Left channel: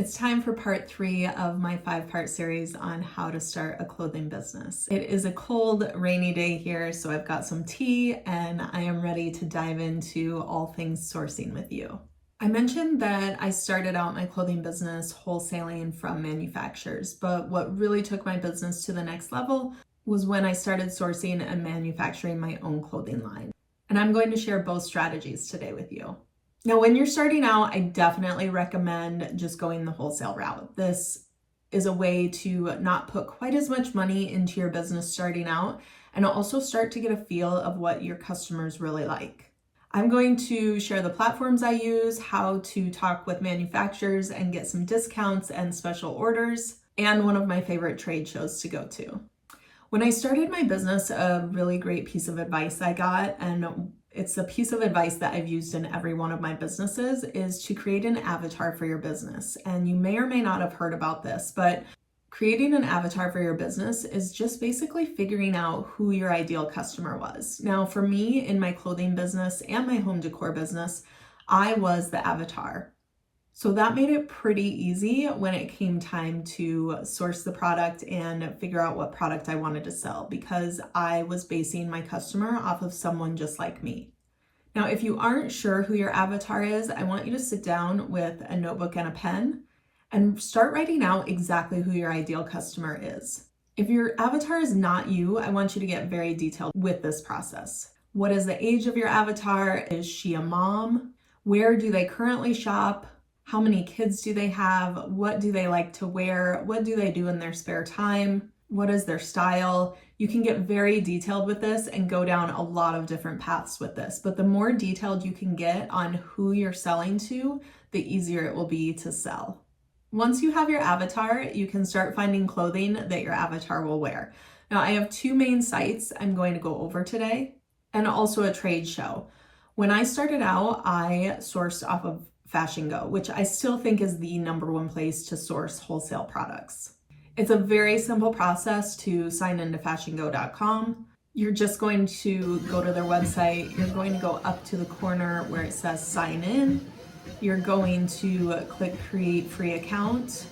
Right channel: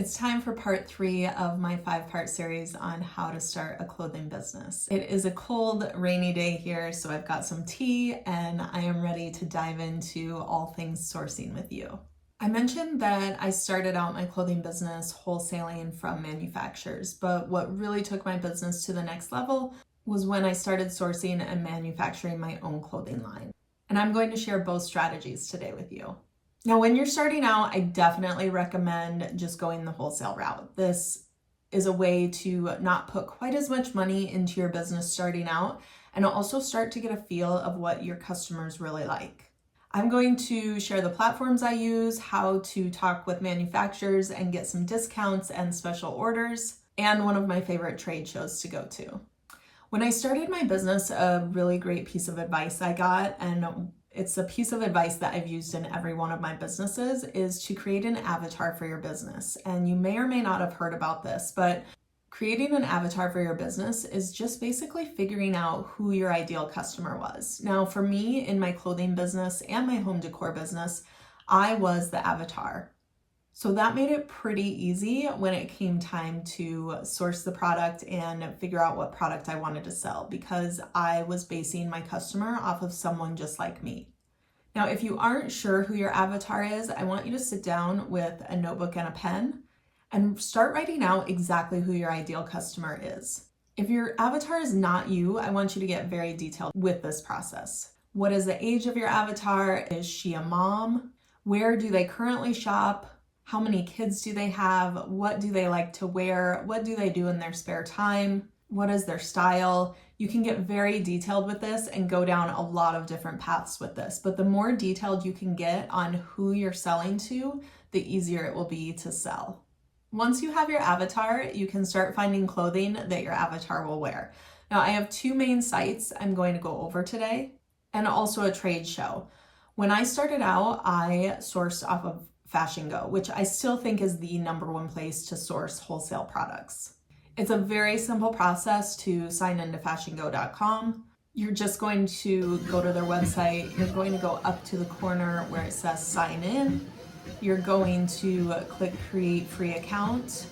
It's time for part 3 of my 5-part series on how to start a clothing business. It is a cold, rainy day here, so I've got some tea and I am ready to dive into all things sourcing with you. I mentioned that I started out my clothing business wholesaling from manufacturers, but what really took my business to the next level was when I started sourcing and manufacturing my own clothing line. And I'm going to share both strategies today with you. Now, when you're starting out, I definitely recommend just going the wholesale route. This is a way to not put quite as much money into your business starting out and also start to get a feel of what your customers really like. I'm going to share the platforms I use, how to talk with manufacturers and get some discounts and special orders, and one of my favorite trade shows to go to. When I started my business, a really great piece of advice I got, and it's a piece of advice that I've used in every one of my businesses, is to create an avatar for your business. And you may or may not have heard about this, but creating an avatar for your business is just basically figuring out who your ideal customer was. Now, for me, in my clothing business and my home decor business, I was the avatar. So that made it pretty easy when it came time to source the product and figure out what product I wanted to sell, because I was basing my customer off of someone just like me. Now, if you aren't sure who your avatar is, I want you to sit down with a notebook and a pen and start writing out exactly who your ideal customer is. If your avatar is not you, I want you to get very detailed with this process. What is the age of your avatar? Is she a mom? Where do they currently shop? How many kids do they have? What do they like to wear? What do they do in their spare time? What is their style? You can get very detailed with this and go down a lot of different paths with this. But the more detailed you can get on who you're selling to, the easier it will be to sell. Once you have your avatar, you can start finding clothing that your avatar will wear. Now, I have 2 main sites I'm going to go over today, and also a trade show. When I started out, I sourced off of Fashion Go, which I still think is the #1 place to source wholesale products. It's a very simple process to sign into fashiongo.com. You're just going to go to their website. You're going to go up to the corner where it says sign in. You're going to click create free account,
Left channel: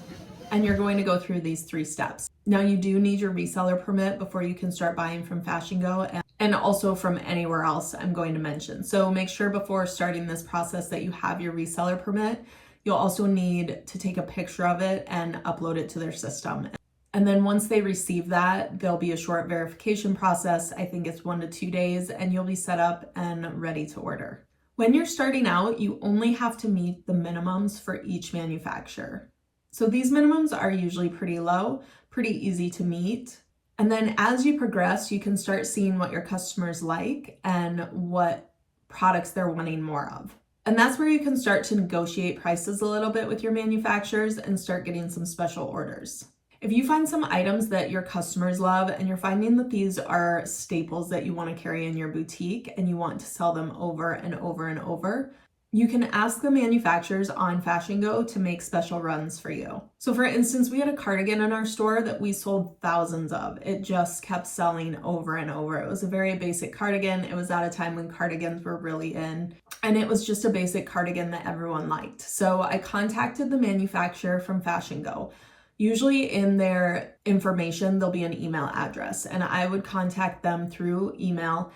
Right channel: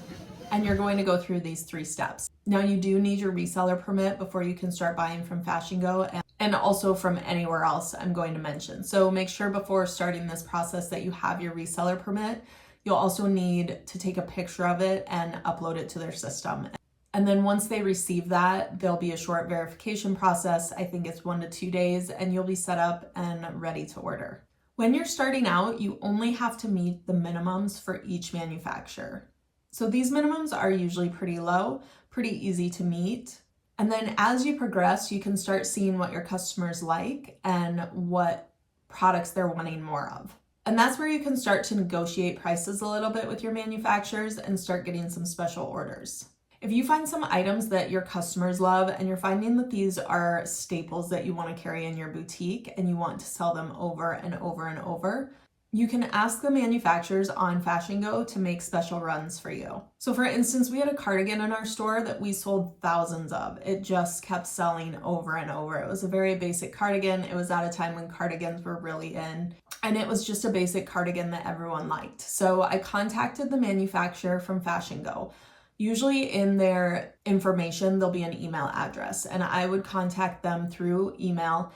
and you're going to go through these 3 steps. Now, you do need your reseller permit before you can start buying from Fashion Go, and also from anywhere else I'm going to mention. So make sure before starting this process that you have your reseller permit. You'll also need to take a picture of it and upload it to their system. And then once they receive that, there'll be a short verification process. I think it's 1 to 2 days, and you'll be set up and ready to order. When you're starting out, you only have to meet the minimums for each manufacturer. So these minimums are usually pretty low, pretty easy to meet. And then as you progress, you can start seeing what your customers like and what products they're wanting more of. And that's where you can start to negotiate prices a little bit with your manufacturers and start getting some special orders. If you find some items that your customers love and you're finding that these are staples that you want to carry in your boutique and you want to sell them over and over and over, you can ask the manufacturers on Fashion Go to make special runs for you. So for instance, we had a cardigan in our store that we sold thousands of. It just kept selling over and over. It was a very basic cardigan. It was at a time when cardigans were really in, and it was just a basic cardigan that everyone liked. So I contacted the manufacturer from Fashion Go. Usually in their information, there'll be an email address, and I would contact them through email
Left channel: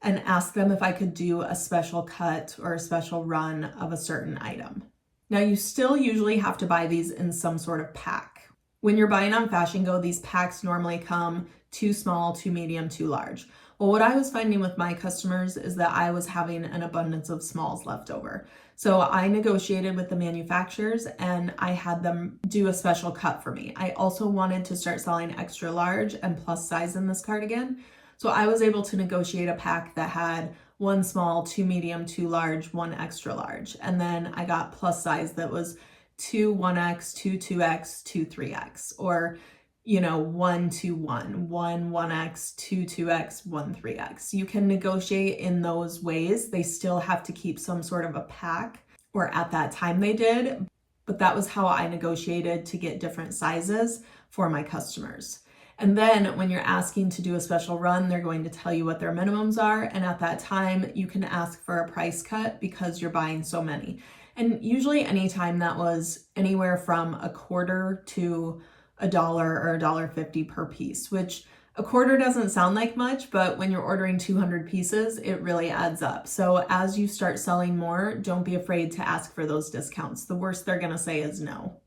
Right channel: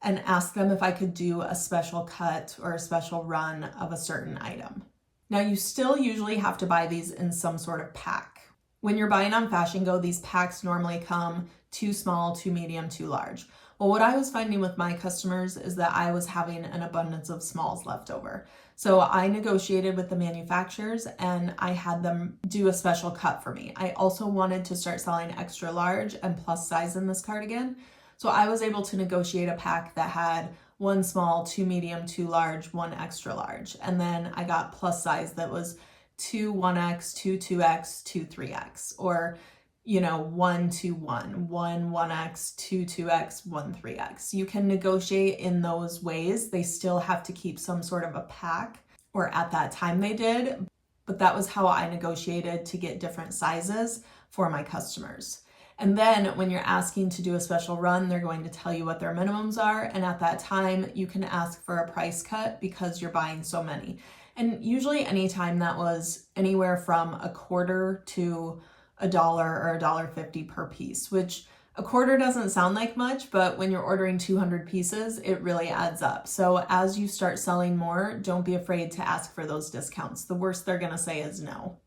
and ask them if I could do a special cut or a special run of a certain item. Now, you still usually have to buy these in some sort of pack. When you're buying on Fashion Go, these packs normally come too small, too medium, too large. Well, what I was finding with my customers is that I was having an abundance of smalls left over. So I negotiated with the manufacturers and I had them do a special cut for me. I also wanted to start selling extra large and plus size in this cardigan. So I was able to negotiate a pack that had 1 small, 2 medium, 2 large, 1 extra large. And then I got plus size that was 2 1X, 2 2X, 2 3X, or 1 2 1, 1 1X, 2 2X, 1 3X. You can negotiate in those ways. They still have to keep some sort of a pack, or at that time they did, but that was how I negotiated to get different sizes for my customers. And then when you're asking to do a special run, they're going to tell you what their minimums are. And at that time, you can ask for a price cut because you're buying so many. And usually anytime that was anywhere from a quarter to $1 or $1.50 per piece, which a quarter doesn't sound like much, but when you're ordering 200 pieces, it really adds up. So as you start selling more, don't be afraid to ask for those discounts. The worst they're gonna say is no.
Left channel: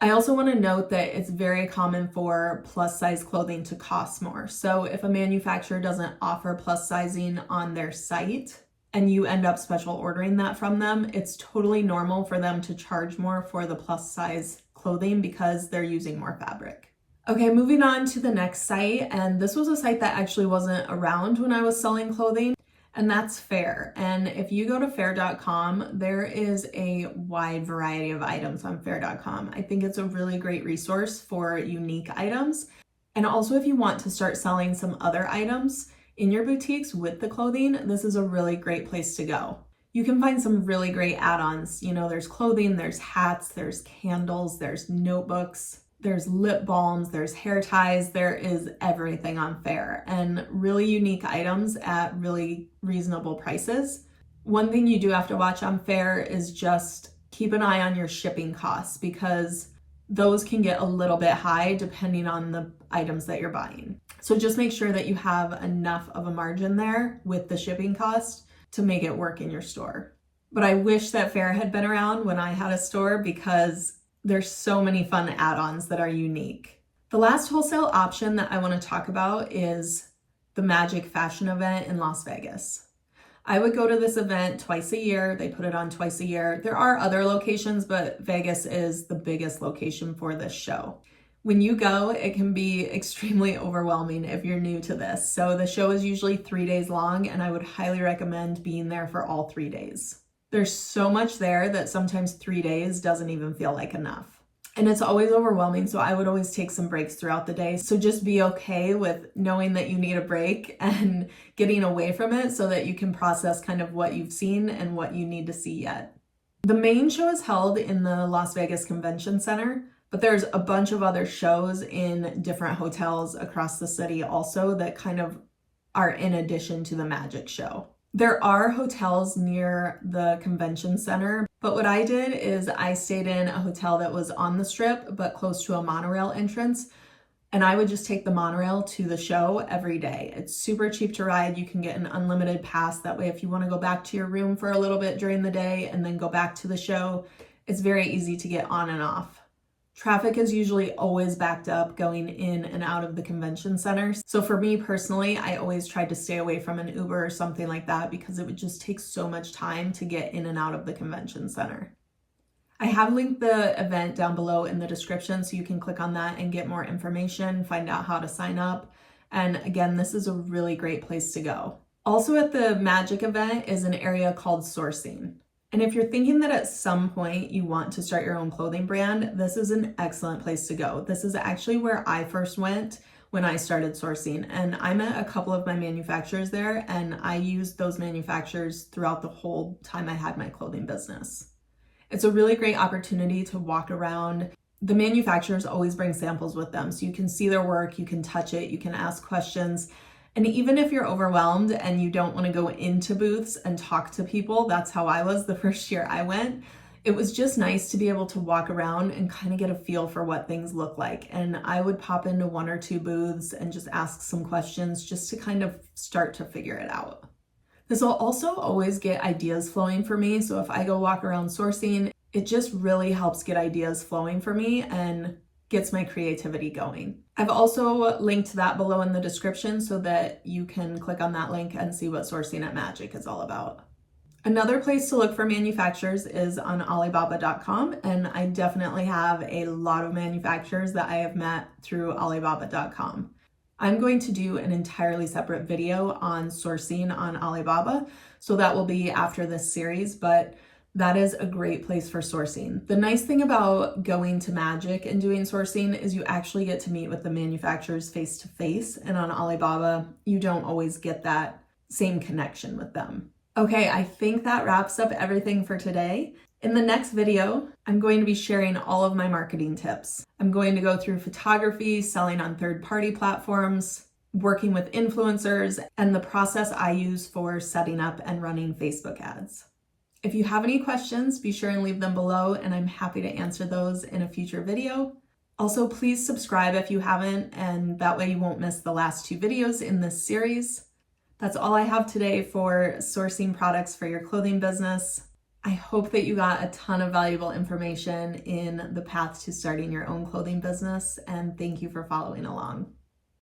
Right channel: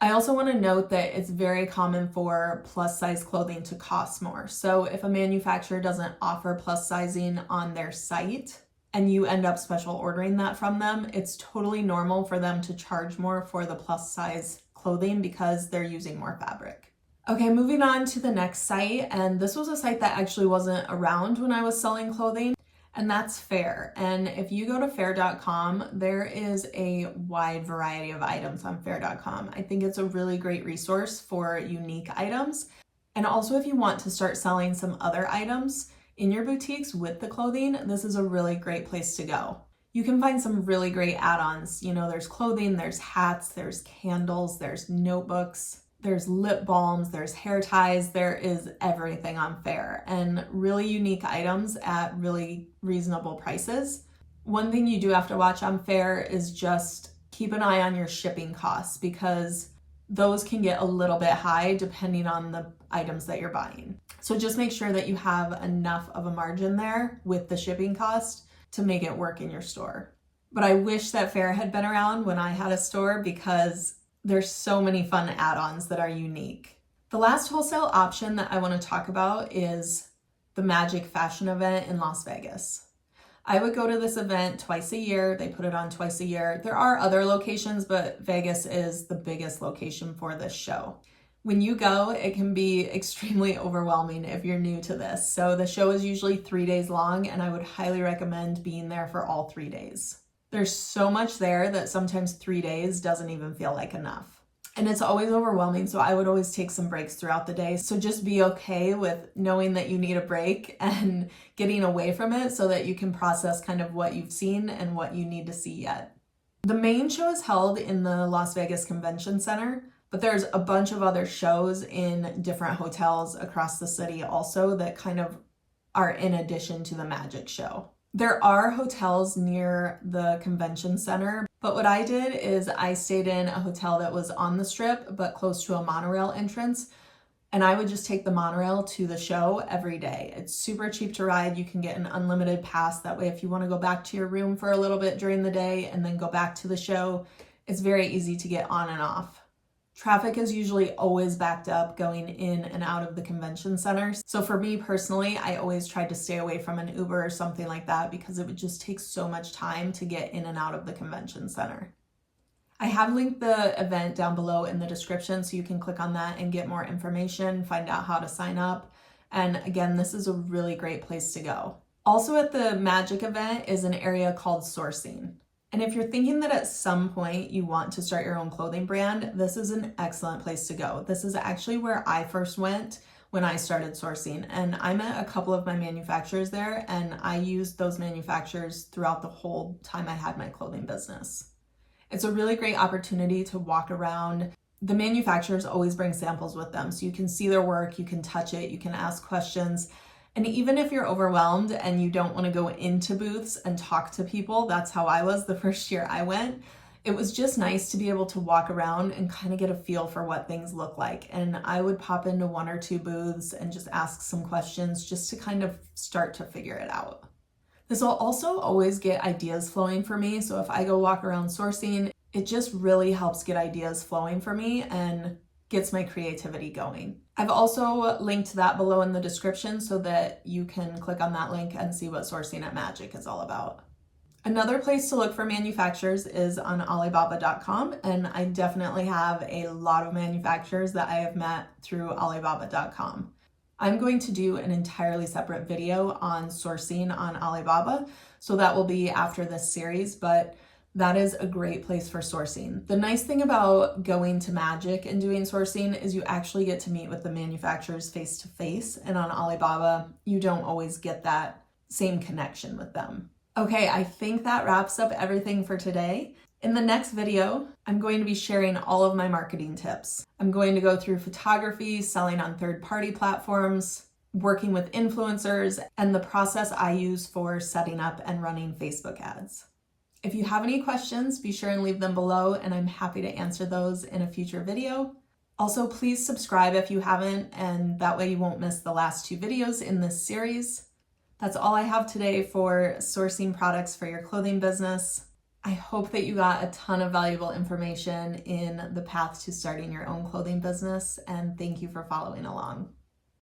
I also want to note that it's very common for plus size clothing to cost more. So if a manufacturer doesn't offer plus sizing on their site and you end up special ordering that from them, it's totally normal for them to charge more for the plus size clothing because they're using more fabric. Okay, moving on to the next site, and this was a site that actually wasn't around when I was selling clothing, and that's Faire. And if you go to faire.com, there is a wide variety of items on faire.com. I think it's a really great resource for unique items. And also if you want to start selling some other items in your boutiques with the clothing, this is a really great place to go. You can find some really great add-ons. You know, there's clothing, there's hats, there's candles, there's notebooks, there's lip balms, there's hair ties, there is everything on Faire, and really unique items at really reasonable prices. One thing you do have to watch on Faire is just keep an eye on your shipping costs, because those can get a little bit high depending on the items that you're buying. So just make sure that you have enough of a margin there with the shipping cost to make it work in your store. But I wish that Faire had been around when I had a store, because there's so many fun add-ons that are unique. The last wholesale option that I want to talk about is the Magic Fashion event in Las Vegas. I would go to this event twice a year. They put it on twice a year. There are other locations, but Vegas is the biggest location for this show. When you go, it can be extremely overwhelming if you're new to this. So the show is usually 3 days long, and I would highly recommend being there for all 3 days. There's so much there that sometimes 3 days doesn't even feel like enough. And it's always overwhelming, so I would always take some breaks throughout the day. So just be okay with knowing that you need a break and getting away from it so that you can process kind of what you've seen and what you need to see yet. The main show is held in the Las Vegas Convention Center, but there's a bunch of other shows in different hotels across the city also that kind of are in addition to the Magic show. There are hotels near the convention center, but what I did is I stayed in a hotel that was on the strip, but close to a monorail entrance. And I would just take the monorail to the show every day. It's super cheap to ride. You can get an unlimited pass. That way, if you want to go back to your room for a little bit during the day and then go back to the show, it's very easy to get on and off. Traffic is usually always backed up going in and out of the convention center. So for me personally, I always tried to stay away from an Uber or something like that because it would just take so much time to get in and out of the convention center. I have linked the event down below in the description so you can click on that and get more information, find out how to sign up. And again, this is a really great place to go. Also at the Magic event is an area called sourcing. And if you're thinking that at some point you want to start your own clothing brand, this is an excellent place to go. This is actually where I first went when I started sourcing, and I met a couple of my manufacturers there, and I used those manufacturers throughout the whole time I had my clothing business. It's a really great opportunity to walk around. The manufacturers always bring samples with them, so you can see their work, you can touch it, you can ask questions. And even if you're overwhelmed and you don't want to go into booths and talk to people, that's how I was the first year I went. It was just nice to be able to walk around and kind of get a feel for what things look like. And I would pop into 1 or 2 booths and just ask some questions just to kind of start to figure it out. This will also always get ideas flowing for me. So if I go walk around sourcing, it just really helps get ideas flowing for me and gets my creativity going. I've also linked that below in the description so that you can click on that link and see what sourcing at Magic is all about. Another place to look for manufacturers is on Alibaba.com, and I definitely have a lot of manufacturers that I have met through Alibaba.com. I'm going to do an entirely separate video on sourcing on Alibaba, so that will be after this series, but that is a great place for sourcing. The nice thing about going to Magic and doing sourcing is you actually get to meet with the manufacturers face to face, and on Alibaba, you don't always get that same connection with them. Okay, I think that wraps up everything for today. In the next video, I'm going to be sharing all of my marketing tips. I'm going to go through photography, selling on third-party platforms, working with influencers, and the process I use for setting up and running Facebook ads. If you have any questions, be sure and leave them below, and I'm happy to answer those in a future video. Also, please subscribe if you haven't, and that way you won't miss the last 2 videos in this series. That's all I have today for sourcing products for your clothing business. I hope that you got a ton of valuable information in the path to starting your own clothing business, and thank you for following along.